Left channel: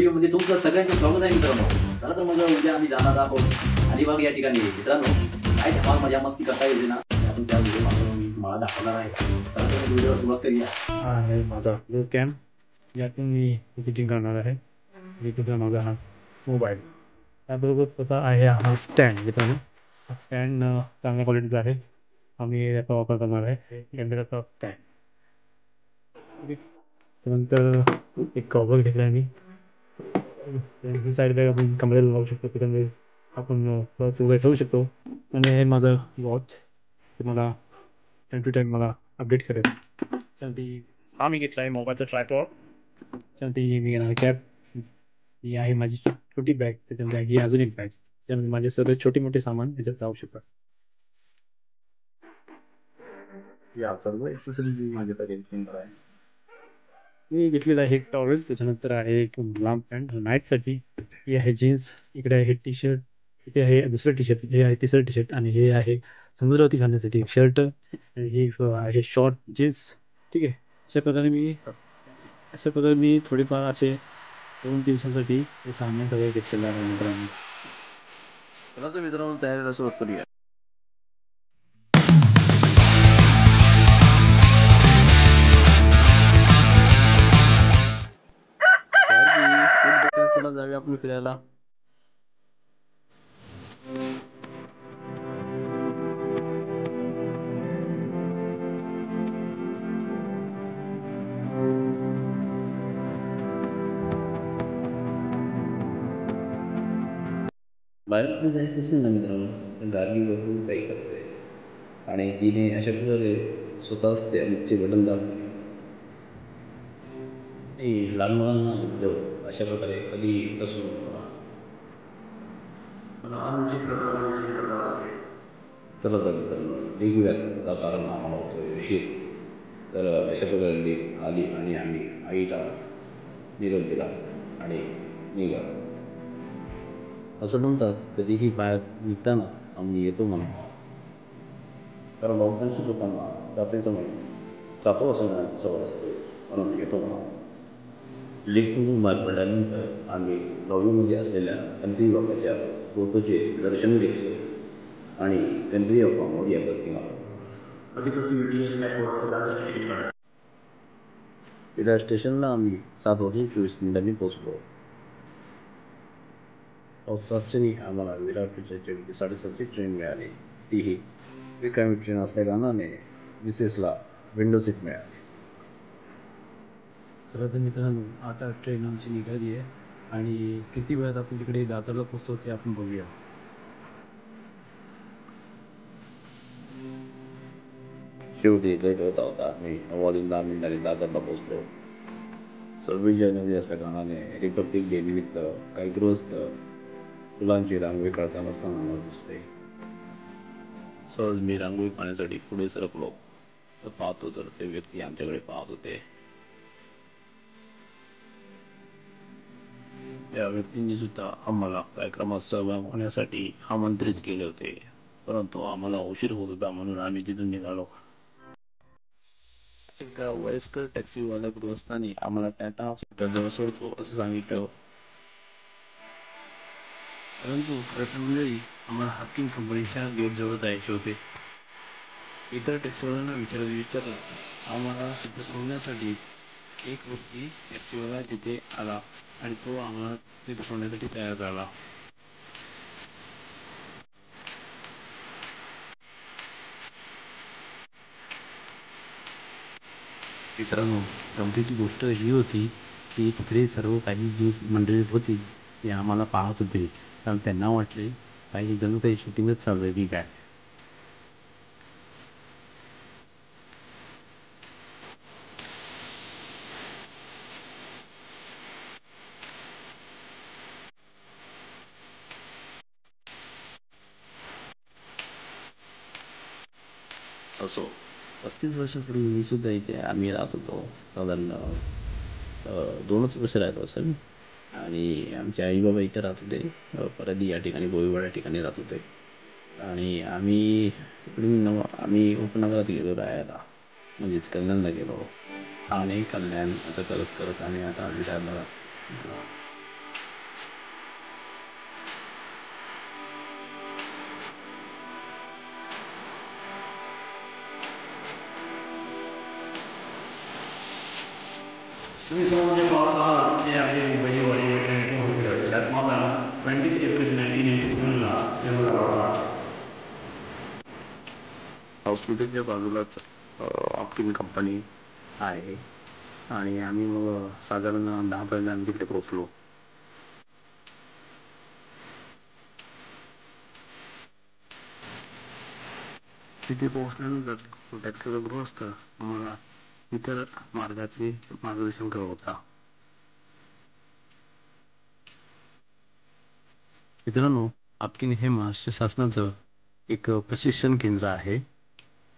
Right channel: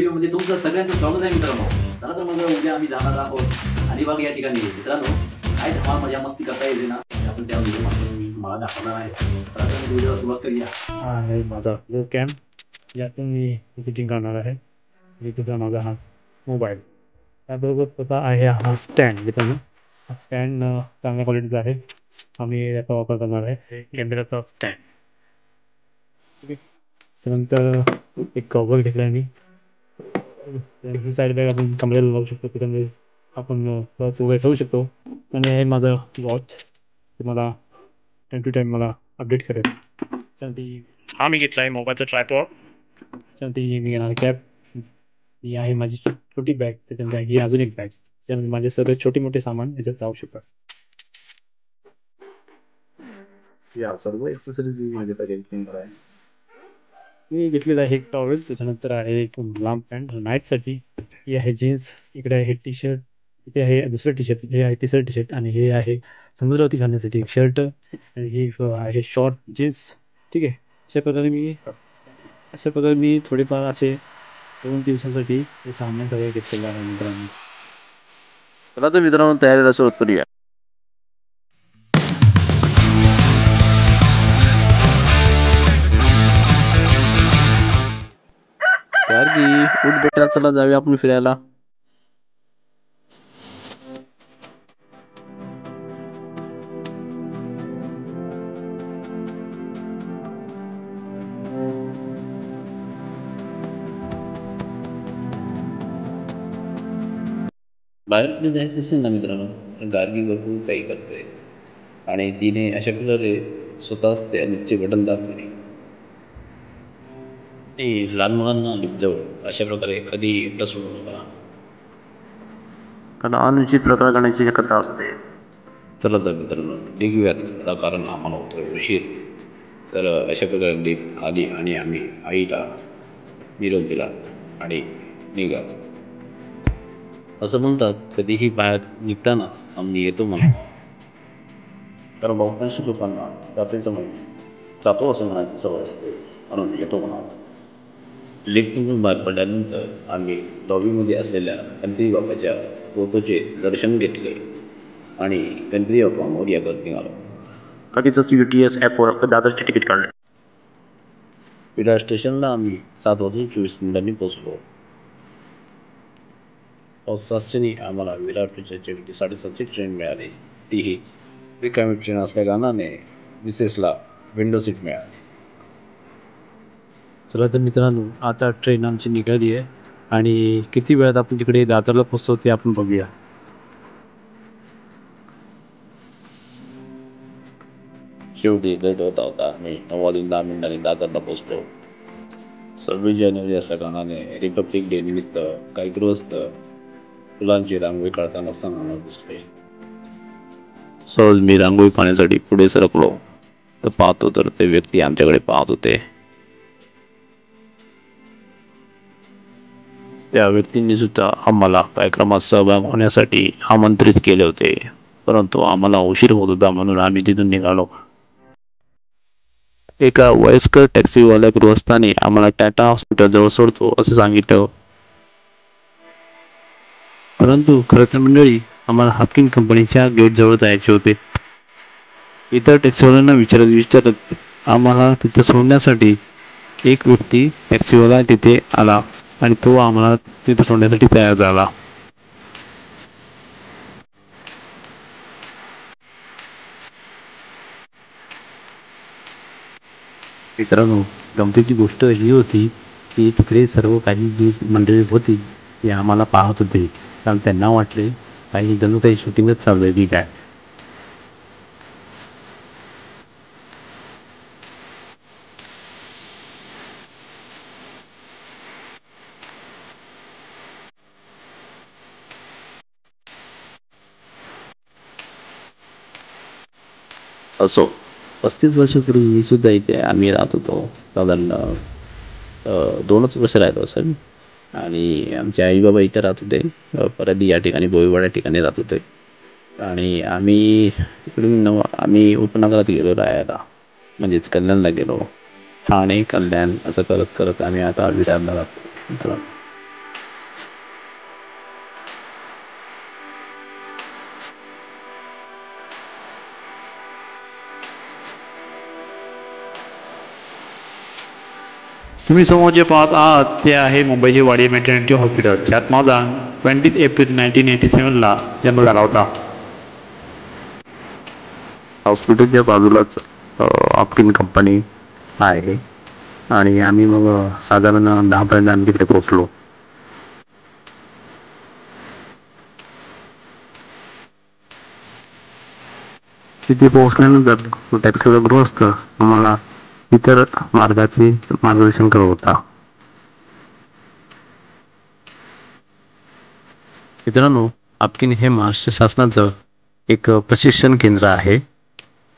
व्हिडिओमध्ये तुमचं सगळ्यांचं स्वागत आहे मित्रांनो. चला तर मग उद्या आम्ही जाणार आहोत अलिबाग या ठिकाणी. मित्रांनो काय धमाल मजा मस्ती करता येते ना, आपण त्या व्हिडिओ मला दाखवणार आहे. चला तर व्हिडिओ सुरुवात करूया. हा आहे माझा व्हिडिओ कॅम, यातून मी एडिटिंग करणार आहे. एडिटिंगचा माझा हा मोबाईल, त्याबरोबर स्वतः आहे हा स्टँड. मित्रांनो हा स्टँड चांगल्या क्वालिटीचा आहे. आम्ही याचा वापर करणार आहे कॅमेराचा स्टँड. ओके, त्यानंतर एक कव्हर घेतला आहे मी. ही साईड बॅग आपण कमरेला लावू शकतो, त्याच्यामध्ये आपण उभे ठेवू शकतो. आणि हे माझं वॉच, ते मला टाईम टू टाईम मला अपडेट करेल. त्यासाठी हा मी घेतला आहे मोबाईलचा ट्रायपॉड. त्यासाठी मी घेणार कॅप. ही आहे माझी छोटी बॅग. त्याच्यामध्ये ही अजून एक बॅग, त्यामध्ये माझे सगळे छोटे मोठे सामान याच्यात जाऊ शकतात. या सर्व एक्सेसरीज माझ्याकडे एडिटिंग आहे. मी घेतलेलं आहे एक टॉवेल, त्याच्यानंतर आहे एक लांब पॅन्ट नाईटसाठी. ही आहे जीन्स, इकडे आहे टी शर्ट, इथे आहे दुसरं टी शर्ट, हे आहे तिसरं टी शर्ट, आणि हे आहे समुद्रावरती घालण्यासाठी एक शर्ट, आणि हे आहे शॉर्ट जीन्स. ठीक आहे, अशा प्रकारे मी थोडेफार असे 2 दिवसासाठी हे सामान सगळे घेतलेलं आहे मित्रांनो. चला तर मित्रांनो तयारीला सुरुवात करूया. उठ बेटा, चला जाऊया आपण फिरायला. बाहेर जायचं असेल ना मित्रांनो, गार्गी भरपूर काही करते आणि तिने अशा प्रकारे स्वतःच त्या लिफ्टचे बटन दाबले. ती लहान मुलांना लिफ्ट जवळ अशा प्रकारे कधी एकटं सोडू नका, कारण अनुचित प्रकार करण्याची शक्यता असते. चला तर मित्रांनो निघूयात, कारण आम्हाला होतं उशीर. तर अशा प्रकारे लिफ्ट आली आणि आम्ही आईला निरोप दिला आणि निघालो. असं म्हणतात कधीही बाहेर निघताना आम्ही येतो म्हणा, कारण बहुतांश लोकांना रात्रीचं म्हणून जातो असं म्हणायची सवय असते, म्हणून येतो म्हणा. लिफ्टमधून बाहेर पडल्यानंतर आम्ही लॉबीमध्ये असलेल्या गणपती बाप्पाच्या फोटोचे दर्शन घेतले आणि गणपती बाप्पा मोरया करत निघालो. लगेचच UTS ॲपवर दादरचे तिकीट काढले. विरार स्टेशनला आम्ही 7:24 पोहोचलो. पावसाच्याने आम्हाला विरार स्टेशनची 7:30ची ट्रेन मिळाली. तीही रिकामी ट्रेन असल्या कारणाने मिसेसला विंडो सीट मिळाली. चला तर मित्रांनो आता ट्रेन आमची निघाली आहे, आणि किती वेळात आपण तिकडे दादरला पोहोचतो ते आपण बघूया. शेवटी लेट होता. आम्ही 9:10 दादरला पोहोचलो. 26 जानेवारी असल्या कारणाने रिपब्लिक डे निमित्त काही गृहस्थ फुलांची रांगोळी काढताना असताना दिसले. सहज मी रांगोळी पाहण्यासाठी पुढे सरकलो तर पाहतो तर ते व्यक्ती आमच्याकडे पाहत होते. त्या व्यक्तींनी सुद्धा आम्हाला कार्यक्रमात सहभाग होण्यासाठी आमंत्रित केले होते, परंतु आम्हाला उशीर होत होता म्हणून आम्ही तिथून निघालो. एका वयस्कर टॅक्सीवाल्या गृहस्थाने आम्हाला टाटा हॉस्पिटल जवळ सोडतो असं सांगितलं, परंतु खरं तर मंडळी आम्हाला हाफकिन कंपनीच्या गेट जवळ जायचे होते. इतर टॅक्सीवाल्यांना विचारत आम्हाला तिथं सोडण्यासाठी एक व्यक्ती टॅक्सीवाला तिथे आला आणि तो आम्हाला तिथे सोडण्यासाठी तयार झाला. मित्रांनो गमतीची गोष्ट ही होती की तिकडे सर्व काही जी मंडळी होती ती आम्हाला पाहत होते, कारण त्यांना वाटले काही जणू काही शूटिंगच चालू आहे की काय. असो, 35 वर्षापूर्वी मी सुद्धा इथे आम्ही राहत होतो. साधारण 2च वर्ष राहतो असेल. आणि आमचे आई बाबा इथे राहत होते. परत या ठिकाणी बोईवाड या ठिकाणी राहत होते. आणि आम्ही उपनगरात गेलो राहायला, म्हणजेच कल्याणला गेलो. ठाणे कल्याण असं करत करत आम्ही आता विरारला राहतो. तुम्ही समोर जे पाहत आहात ते आहे मुंबईचे वाडी मेटर्निटी हॉस्पिटल, ज्यात माझा 20 एप्रिल 1987ला जन्म झाला होता. हॉस्पिटलच्या बाजूलाच ऑप्टिन कंपनी आहे आणि आम्ही मग साधारण 10पर्यंत आम्ही तिथे पोहोचलो. तिथे पोहोचल्यानंतर टॅक्सीचा गृहस्थ आम्हाला इतर मार्गाचे मार्गदर्शन करत होता. मित्रांनो, ऑप्टिन हे महाराष्ट्र शासनाचं एक प्रशिक्षण केंद्र आहे.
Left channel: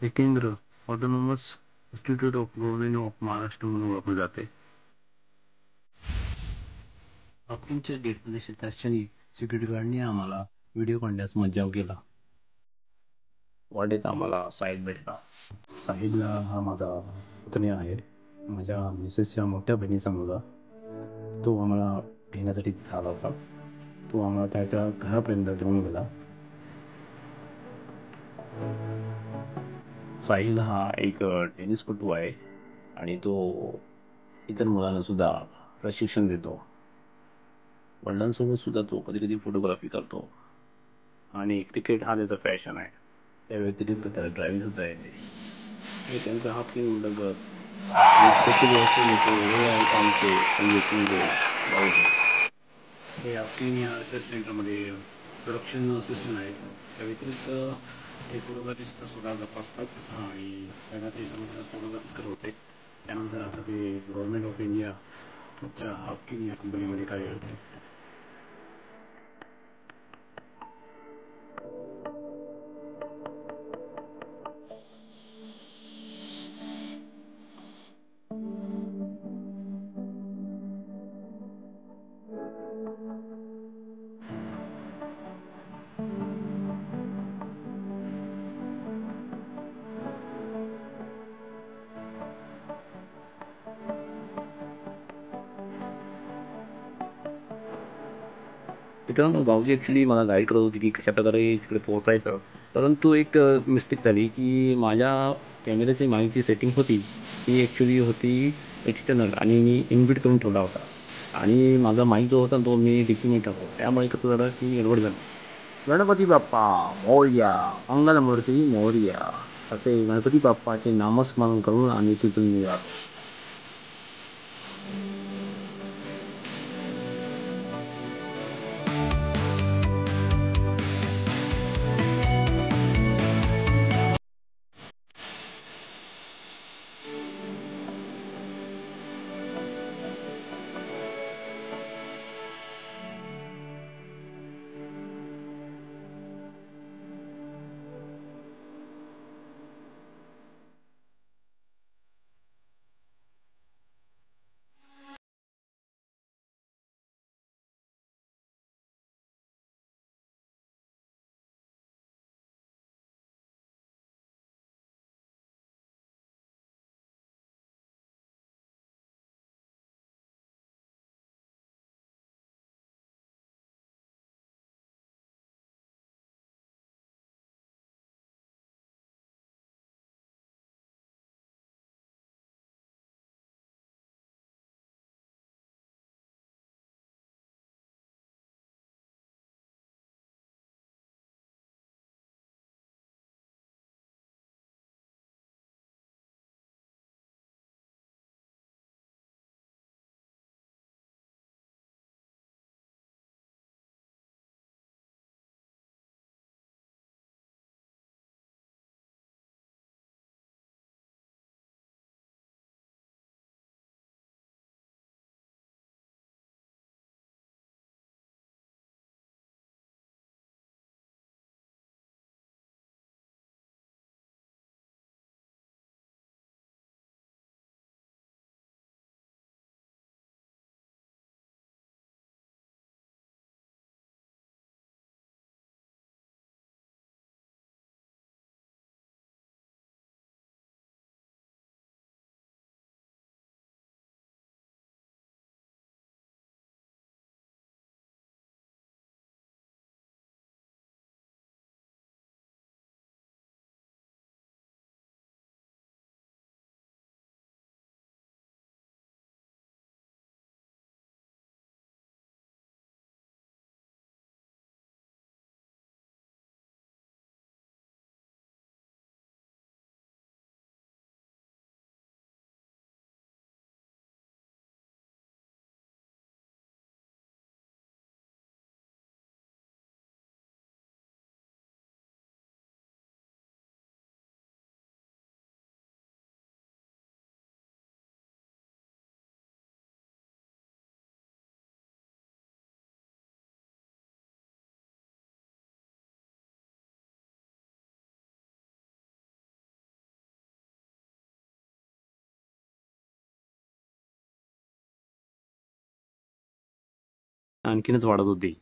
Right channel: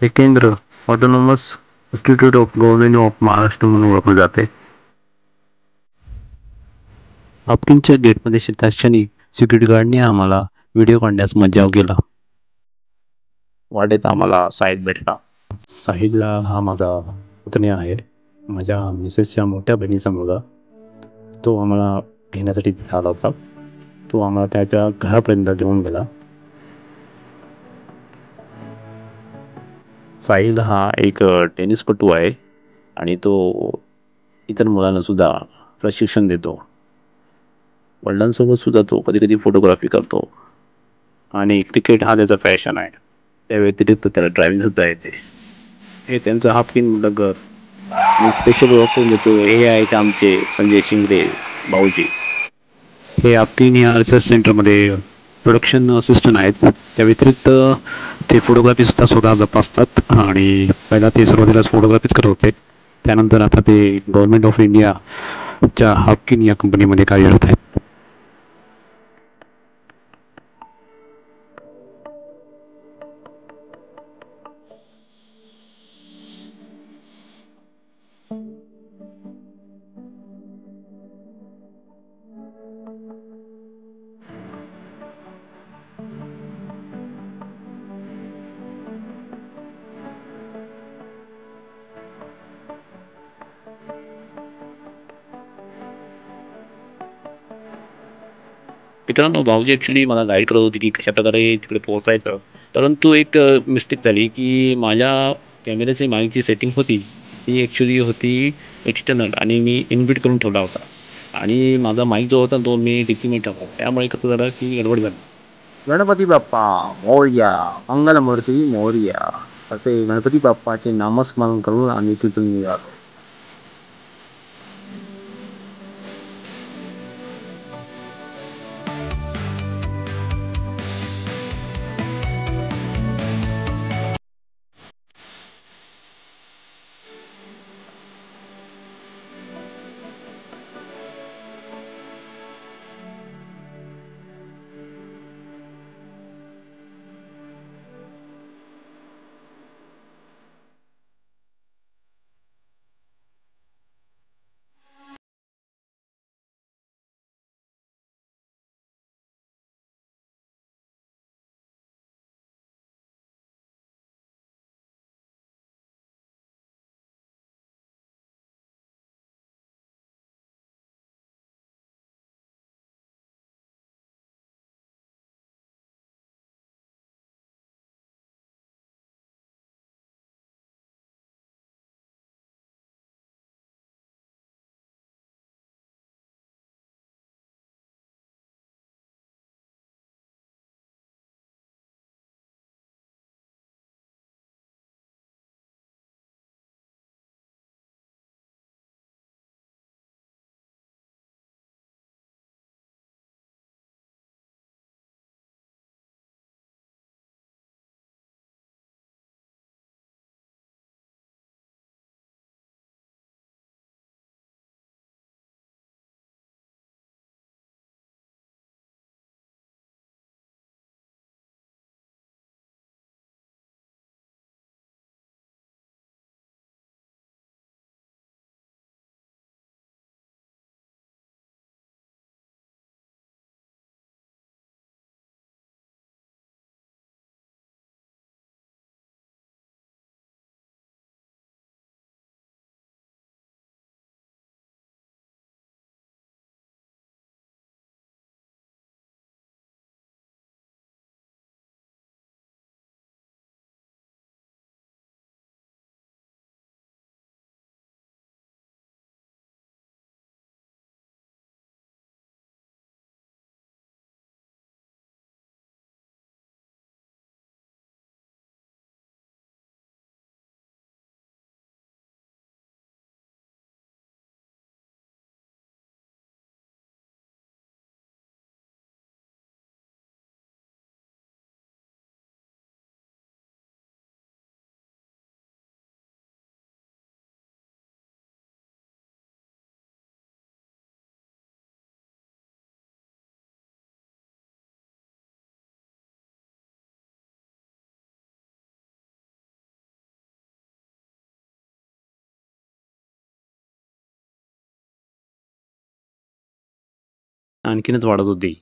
हे केंद्र autonomous institute of government of Maharashtra म्हणून ओळखले जाते. ऑप्टिनच्या गेटमध्ये शिरताच क्षणी सिक्युरिटी गार्डने आम्हाला व्हिडिओ काढण्यास मज्जाव केला. वाटेत आम्हाला साहिल भेटला. साहिलला हा माझा पुतण्या आहे, माझ्या मिसेसच्या मोठ्या बहिणीचा मुलगा. तो आम्हाला घेण्यासाठी तिथे आला होता. तो आम्हाला त्याच्या घरापर्यंत घेऊन गेला. साहिल हा एक टेनिसपटू आहे आणि तो इतर मुलांना सुद्धा प्रशिक्षण देतो. वडिलांसोबत सुद्धा तो कधी कधी फोटोग्राफी करतो आणि क्रिकेट हा त्याचा पॅशन आहे. त्या व्यतिरिक्त त्याला ड्रायव्हिंग सुद्धा येते. हे त्यांचं ऑप्टिन घर आणि स्पेशल ऑफर देतो. हे आहेत आमचे संजय शिंगडे भाऊजी. हे ऑप्टिन या रिसर्च सेंटरमध्ये प्रोडक्शन असिस्टंट आहेत. त्या व्यतिरिक्त ते फोटोग्राफी सुद्धा स्वतः जपासतात आणि पहिला ते सुरुवातीलाच फोटोग्राफीच करत होते. त्यानंतर आता ते गव्हर्नमेंट ऑफ इंडियाच्या ऑप्टिन या कंपनीमध्ये कार्यरत आहेत. मित्रांनो, भाऊजी ॲक्च्युली मला गाईड करत होती की कशाप्रकारे तिकडे पोहोचायचं. परंतु एक मिस्टेक झाली की माझ्या कॅमेऱ्याची मागची सेटिंग होती ती ॲक्च्युली होती एक्सटर्नल आणि मी इनबिल्ट करून ठेवला होता आणि माझा माईक जो होता तो मी डिकीमध्ये टाकला. त्यामुळे कसं झालं की गडबड झाली. गणपती बाप्पा मोरया, मंगलमूर्ती मोरया असे गणपती बाप्पाचे नामस्मरण करून आम्ही तिथून निघालो. आणखीनच वाढत होती.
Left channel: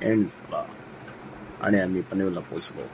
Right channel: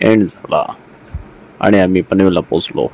एंड झाला आणि आम्ही पनवेलला पोचलो.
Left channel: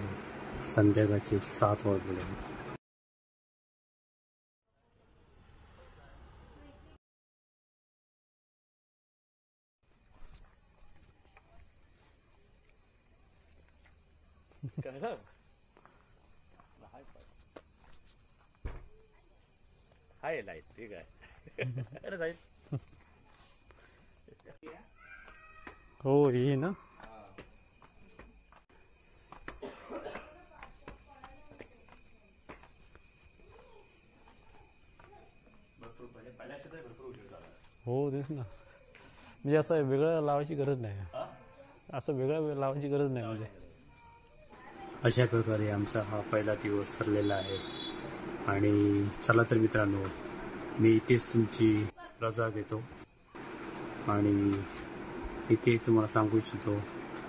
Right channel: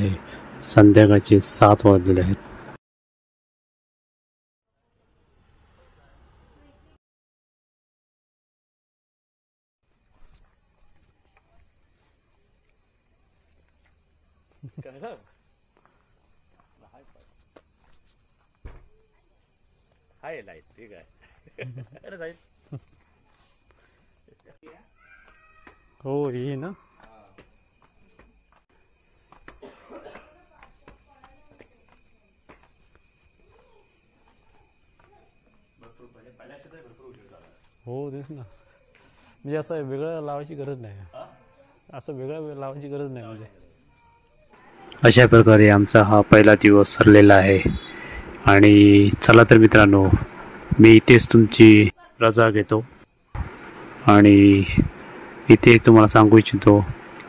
आहे. संध्याकाळचे 7 वाजलेले आहेत. हाय लाईट ठीक आहे. हो ये ना. हो तेच ना. म्हणजे असं वेगळं लावायची गरज नाही. असं वेगळं लावायची गरज नाही म्हणजे. अशा प्रकारे आमचा हा पहिला दिवस सरलेला आहे. आणि चला तर मित्रांनो, मी इथेच तुमची रजा घेतो आणि इथे तुम्हाला सांगू इच्छितो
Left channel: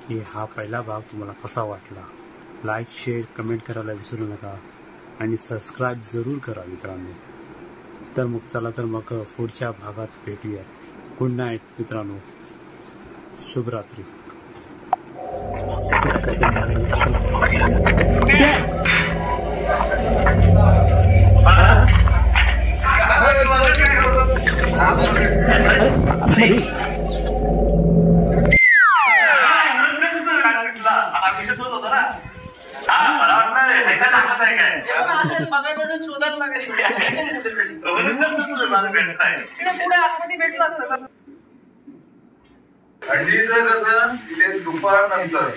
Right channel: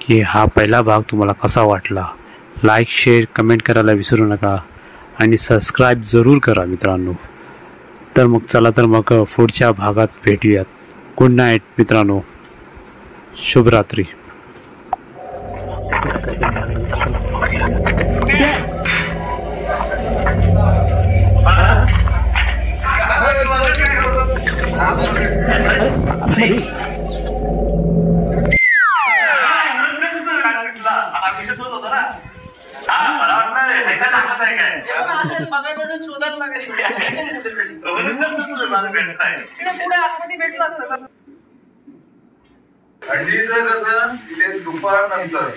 की हा पहिला भाग तुम्हाला कसा वाटला. लाईक शेअर कमेंट करायला विसरू नका आणि सबस्क्राईब जरूर करा मित्रांनो. तर मग चला तर मग पुढच्या भागात भेटूयात. गुड नाईट मित्रांनो, शुभरात्री. थंडीचं कसं तिथे दुपार नंतर